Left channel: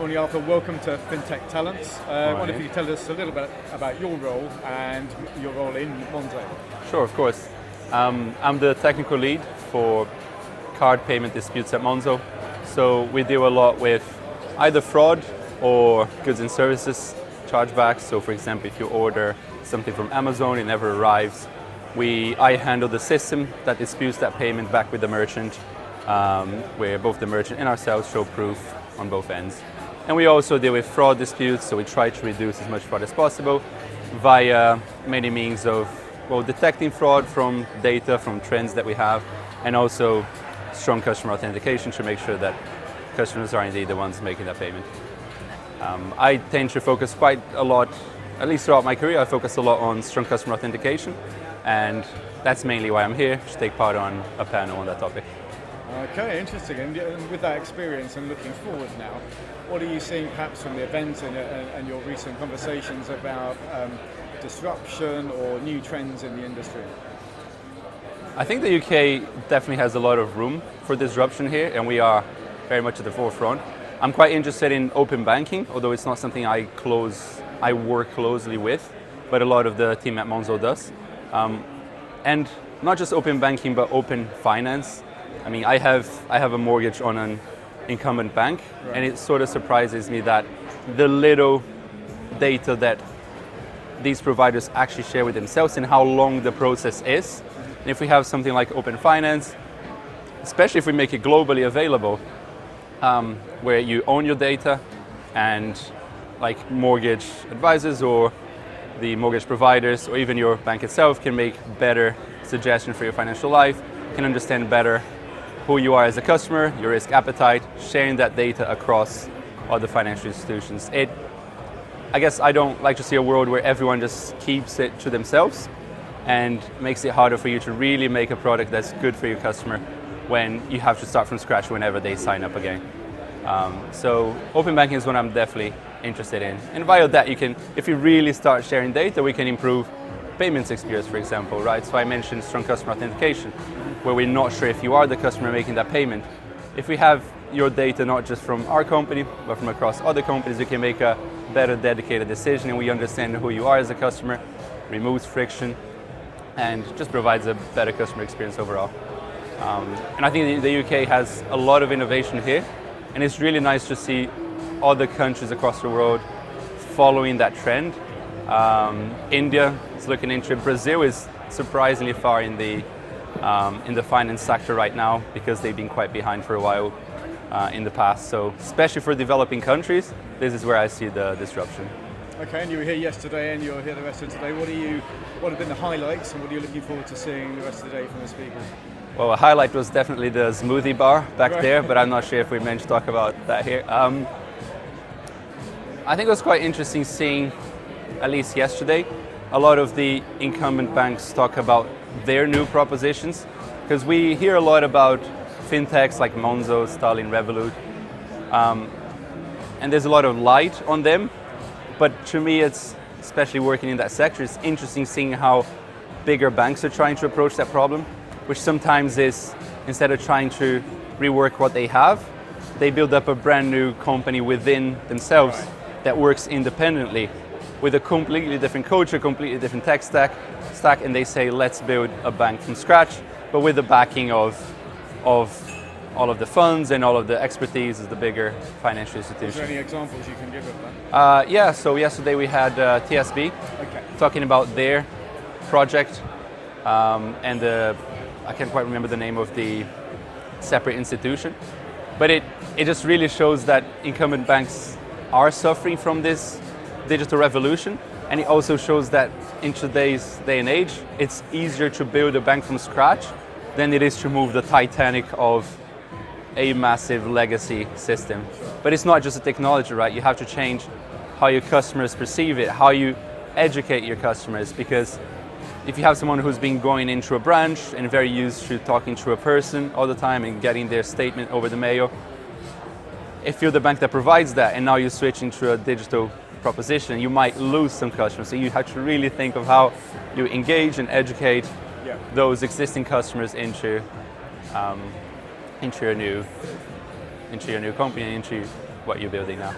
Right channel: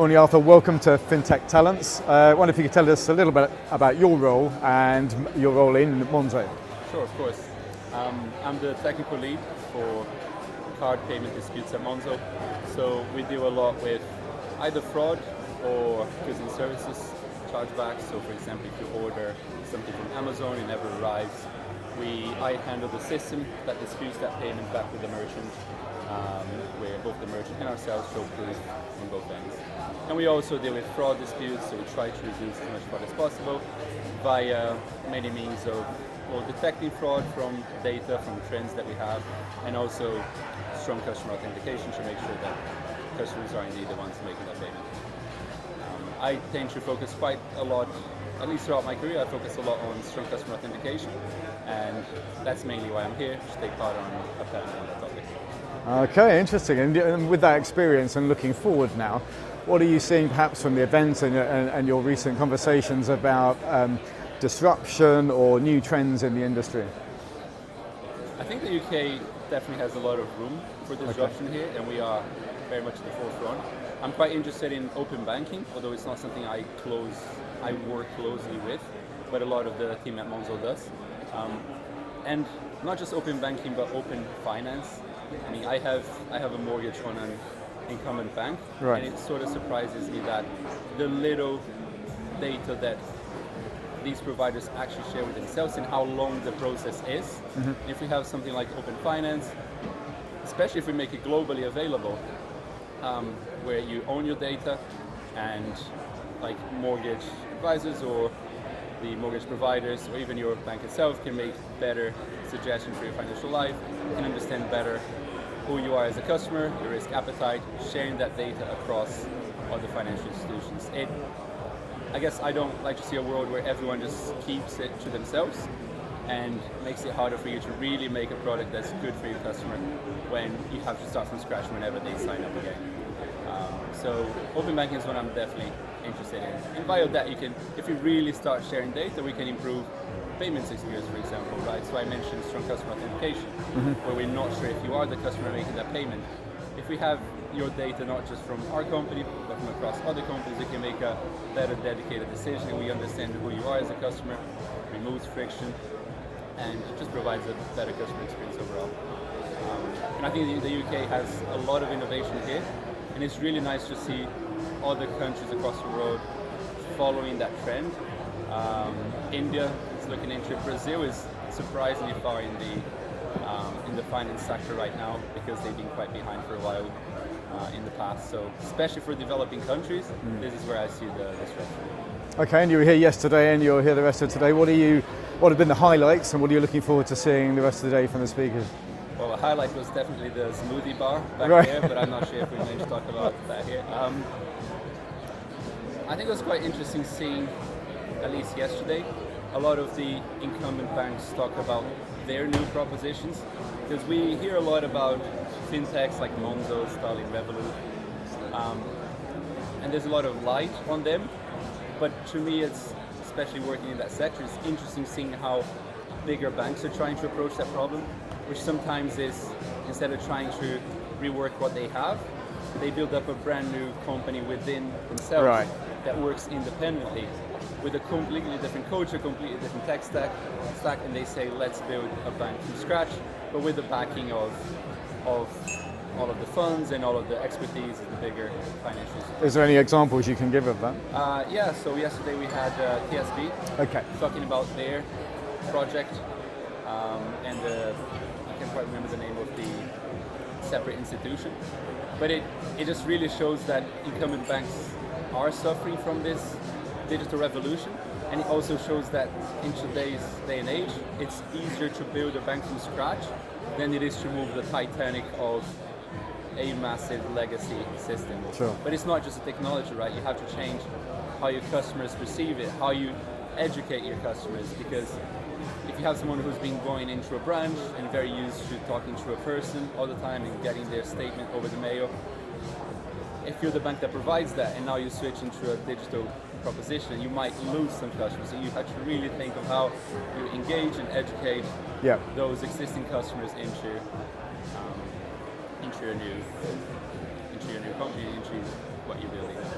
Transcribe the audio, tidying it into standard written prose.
Morning, Arthur. Welcome to FinTech Talents. I wonder if you could tell us a little bit about your role and your role in Monzo. Sure, of course. I'm the technical lead for card payment disputes at Monzo. So we deal a lot with either fraud or goods and services chargebacks. So for example, if you order something from Amazon, it never arrives. I handle the system that disputes that payment back with the merchant, where both the merchant and ourselves show proof on both ends. And we also deal with fraud disputes, so we try to reduce as much fraud as possible via many means of detecting fraud from data, from trends that we have, and also strong customer authentication to make sure that customers are indeed the ones making that payment. I tend to focus quite a lot, at least throughout my career, I focus a lot on strong customer authentication, and that's mainly why I'm here, to take part on a panel on that topic. Okay, interesting. And with that experience and looking forward now, what are you seeing perhaps from the event and your recent conversations about disruption or new trends in the industry? I think the UK definitely has a lot of room for disruption here, and we are very much at the forefront. I'm quite interested in open banking, although it's not something I work closely with, but a lot of the team at Monzo does. And not just open banking, but open finance. I mean, I have a mortgage on an incumbent bank, right. And it sort of surprises me that the little data that these providers actually share with themselves and how long the process is. Mm-hmm. And if we have something like open finance, especially if we make it globally available, where you own your data and like mortgage advisors or the mortgage providers or even your bank itself can make better suggestions for your financial life, can understand better who you are as a customer, your risk appetite, sharing that data across other financial institutions. I guess I don't like to see a world where everyone just keeps it to themselves and makes it harder for you to really make a product that's good for your customer when you have to start from scratch whenever they sign up again. So open banking is what I'm definitely interested in. And via that, if you really start sharing data, we can improve payments experience, for example, right? So I mentioned strong customer authentication, where we're not sure if you are the customer making that payment. If we have your data not just from our company, but from across other companies, you can make a better dedicated decision, and we understand who you are as a customer, removes friction, and just provides a better customer experience overall. And I think the UK has a lot of innovation here, and it's really nice to see other countries across the world following that trend. India is looking into it. Brazil is surprisingly far in the finance sector right now because they've been quite behind for a while in the past. So especially for developing countries, this is where I see the disruption. Okay, and you were here yesterday and you're here the rest of today. What have been the highlights and what are you looking forward to seeing the rest of the day from the speakers? Well, a highlight was definitely the smoothie bar back there, but I'm not sure if we managed to talk about that here. I think it was quite interesting seeing, at least yesterday, a lot of the incumbent banks talk about their new propositions, because we hear a lot about fintechs like Monzo, Starling, Revolut, and there's a lot of light on them, but to me it's, especially working in that sector, it's interesting seeing how bigger banks are trying to approach that problem, which sometimes is, instead of trying to rework what they have, they build up a brand new company within themselves. Right. That works independently with a completely different culture, completely different tech stack, and they say, let's build a bank from scratch, but with the backing of all of the funds and all of the expertise of the bigger financial institutions. Is there any examples you can give of that? Yeah, so yesterday we had TSB talking about their project, and I can't quite remember the name of the separate institution, but it just really shows that incumbent banks are suffering from this digital revolution, and it also shows that in today's day and age, it's easier to build a bank from scratch than it is to move the Titanic of a massive legacy system. Sure. But it's not just a technology, right? You have to change how your customers perceive it, how you educate your customers, because if you have someone who's been going into a branch and very used to talking to a person all the time and getting their statement over the mail, if you're the bank that provides that and now you're switching to a digital proposition, you might lose some customers. So you have to really think of how you engage and educate those existing customers into your into your new company, into what you're building now.